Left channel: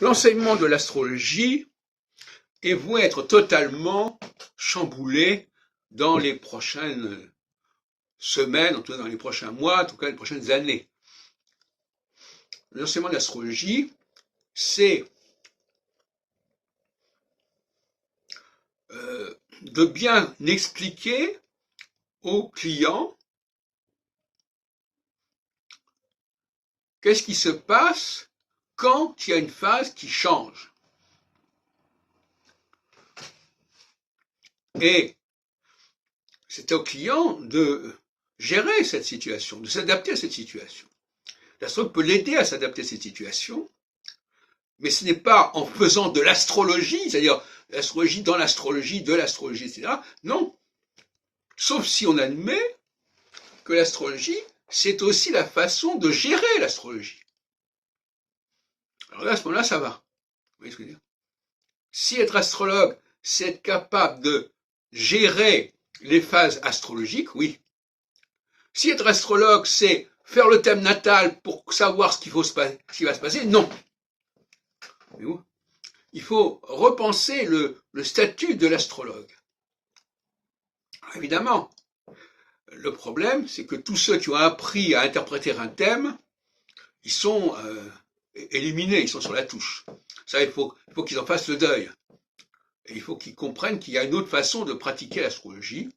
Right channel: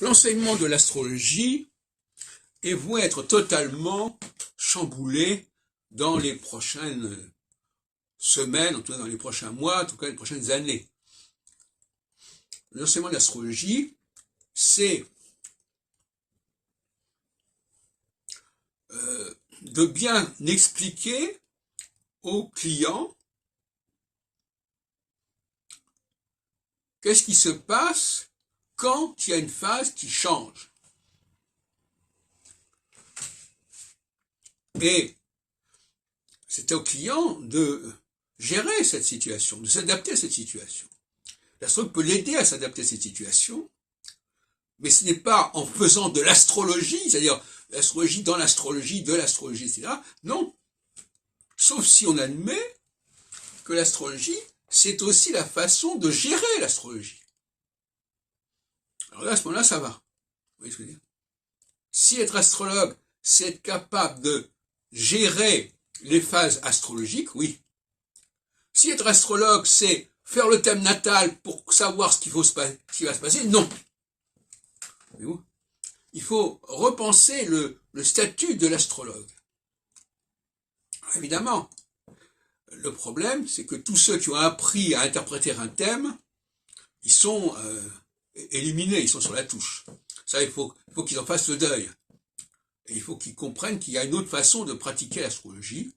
L'enseignement de l'astrologie est voué être totalement chamboulé dans les prochaines semaines, en tout cas dans les prochains mois, en tout cas les prochaines années. L'enseignement de l'astrologie, c'est de bien expliquer aux clients qu'est-ce qui se passe quand il y a une phase qui change. Et c'est au client de gérer cette situation, de s'adapter à cette situation. L'astrologue peut l'aider à s'adapter à cette situation, mais ce n'est pas en faisant de l'astrologie, c'est-à-dire l'astrologie dans l'astrologie, de l'astrologie, etc. Non. Sauf si on admet que l'astrologie, c'est aussi la façon de gérer l'astrologie. Alors là, à ce moment-là, ça va. Vous voyez ce que je veux dire? Si être astrologue, c'est être capable de gérer les phases astrologiques, oui. Si être astrologue, c'est faire le thème natal pour savoir ce qui va se passer, non. Il faut repenser le statut de l'astrologue. Évidemment, le problème, c'est que tous ceux qui ont appris à interpréter un thème, ils sont éliminés, ils sont sur la touche. Ça, il faut qu'ils en fassent le deuil. Et il faut qu'ils comprennent qu'il y a une autre façon de pratiquer l'astrologie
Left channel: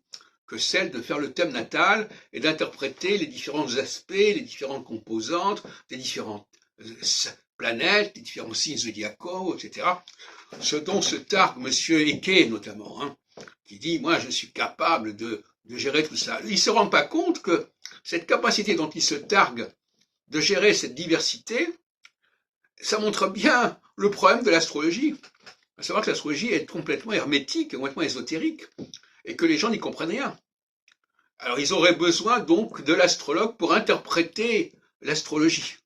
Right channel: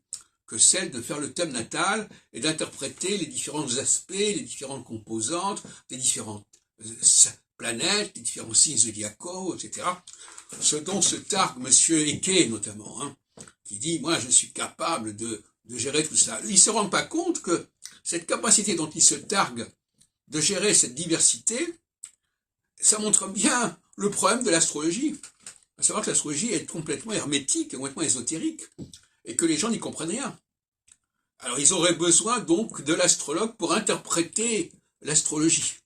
que celle de faire le thème natal et d'interpréter les différents aspects, les différentes composantes, les différentes planètes, les différents signes zodiacaux, etc. Ce dont se targue Monsieur Eke notamment, hein, qui dit « moi je suis capable de gérer tout ça ». Il ne se rend pas compte que cette capacité dont il se targue de gérer cette diversité, ça montre bien le problème de l'astrologie. À savoir que l'astrologie est complètement hermétique, complètement ésotérique, et que les gens n'y comprennent rien. Alors ils auraient besoin donc de l'astrologue pour interpréter l'astrologie,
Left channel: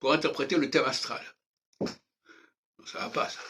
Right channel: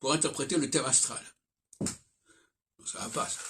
pour interpréter le thème astral. Ça va pas, ça.